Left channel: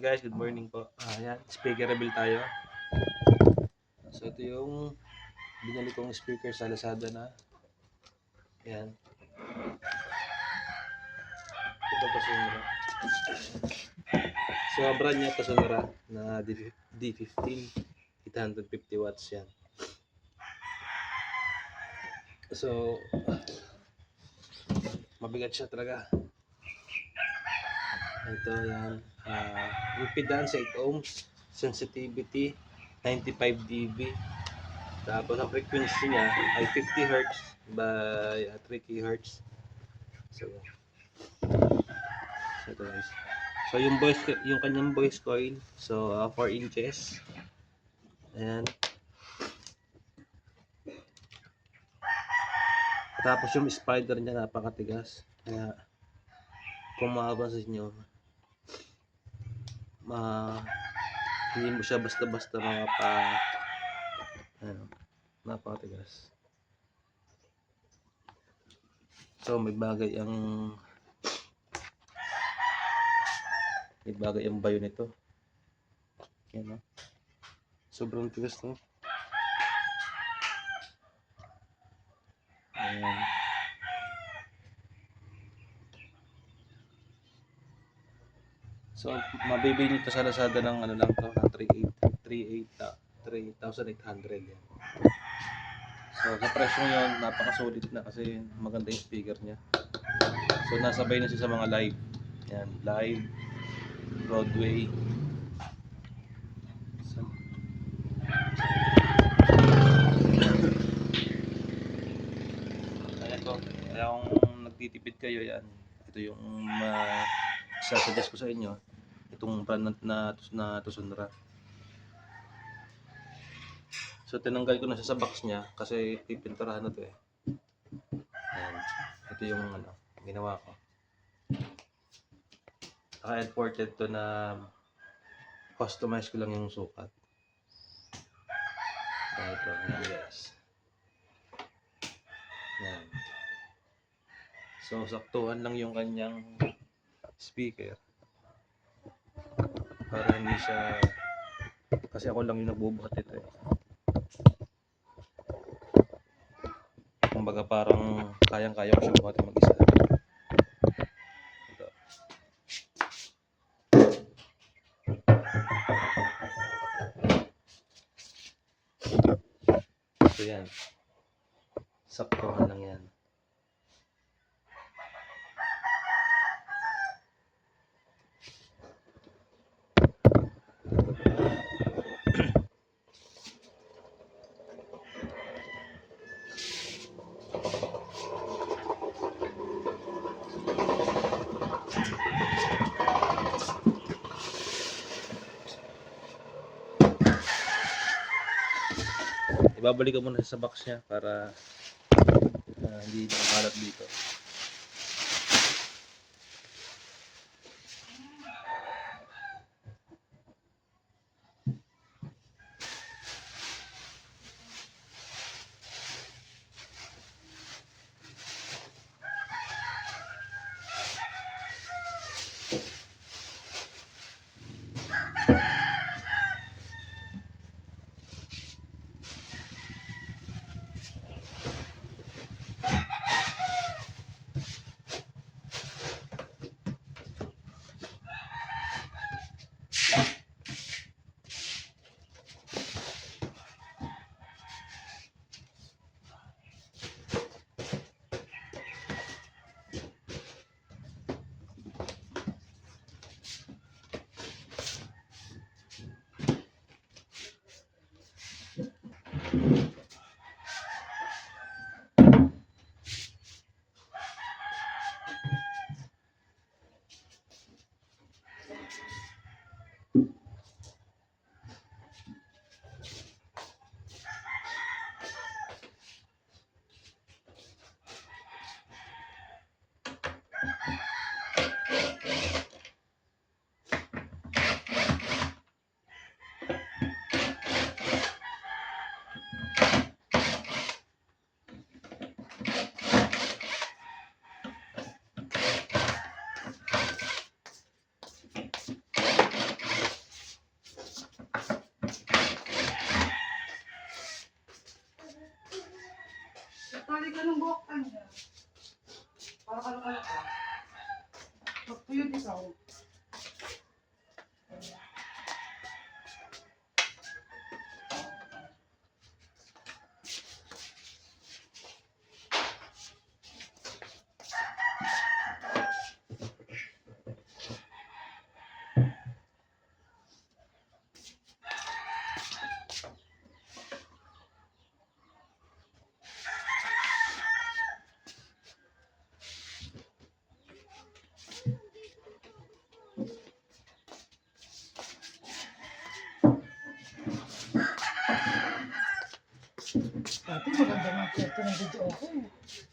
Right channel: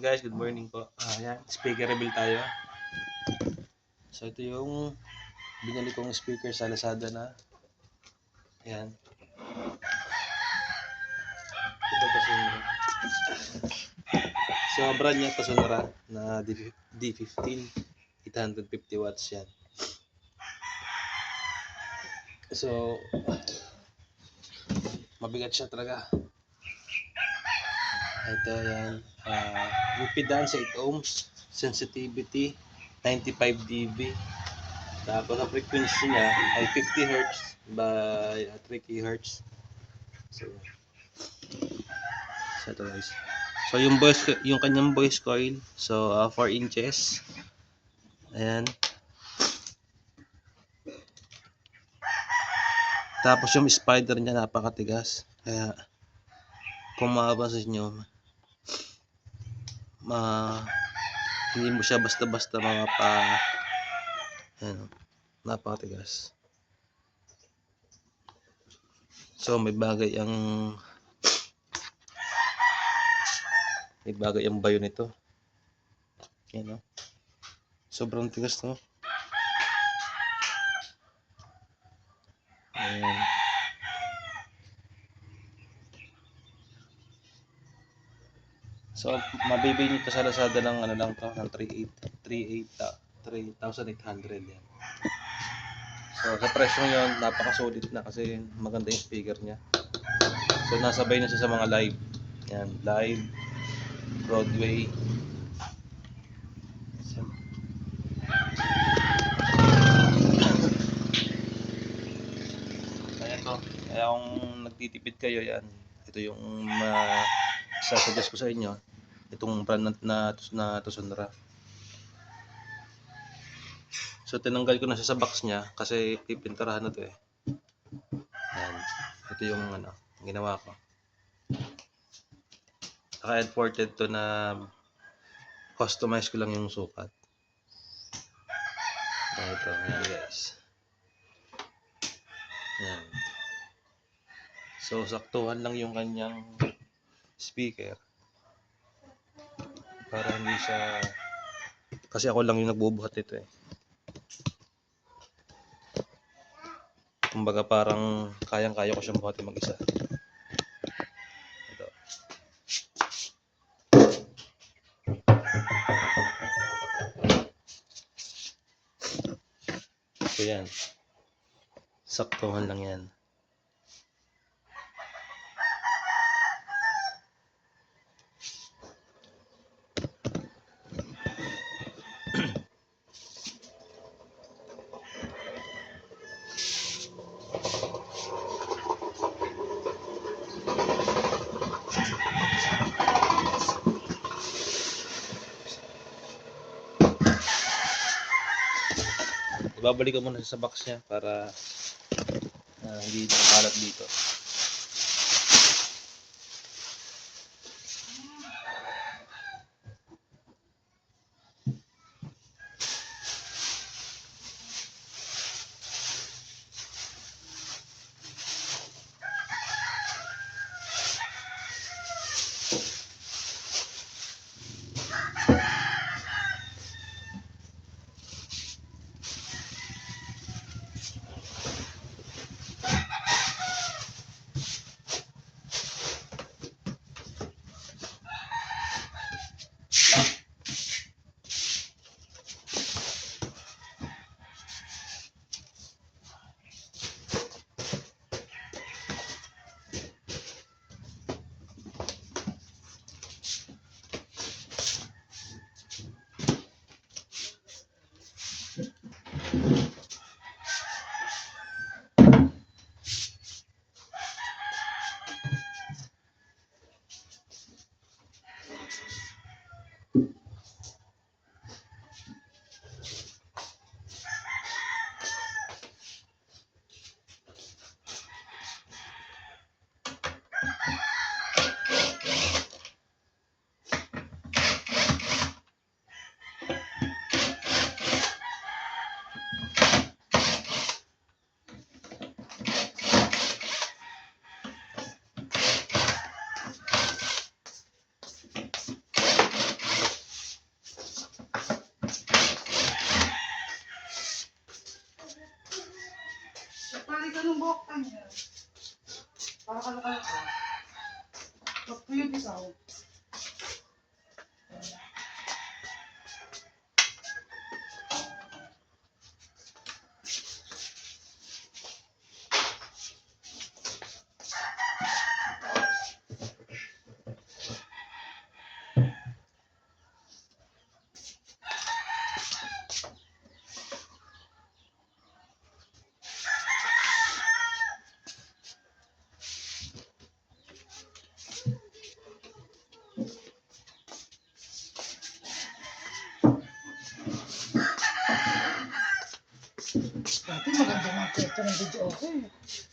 Guys, good morning po. Ayan, speaker reveal tayo. So ito yung binili kong speaker sa Lazada na. Ayan. Ito Tasonra. So brand niya Tasonra na D15 850 watts yan. So mabigat siya talaga. Ito yan. Impedance 8 ohms, sensitivity 95 dB. Tapos ang frequency niya ay 50 Hz by 3 kHz. So ito guys. So yung kanyang voice coil, so 4 inches. Ayan. Tapos yung spider niya napakatigas. Kaya kung mapapansin nyo, hindi mo siya basta-basta ayan, napakatigas. So may bagay ang bayo nito. Ayan, no? Sobrang tigas, no? Ayan. So mabibili nito sa Lazada ng ano lang to, ng 3,800 yan. So sa presyo yun, napakasulit na kasi maganda yung speaker niya. So nasabay na siya sa mga live. Yan, live, Broadway. So, kaya kung nagtitipid kayo, yan. Ito yung sasuggest ko sa inyo. Itong brand na Tasonra. So tinanggal ko na siya sa box niya kasi pipinturahan na to eh. Yan. Ito yung ginawa ko. Naka-imported to na customize ko lang yung sukat. Ito, yan guys. Yan. So saktuhan lang yung kanyang speaker. Para hindi siya, kasi ako lang yung nagbubuhat ito eh. Kumbaga parang kayang-kaya ko siyang buhatin mag-isa. Ito. So yan. Saktuhan lang yan. Ibabalik ko muna sa box niya para hindi makalat dito. Ito ng video okay.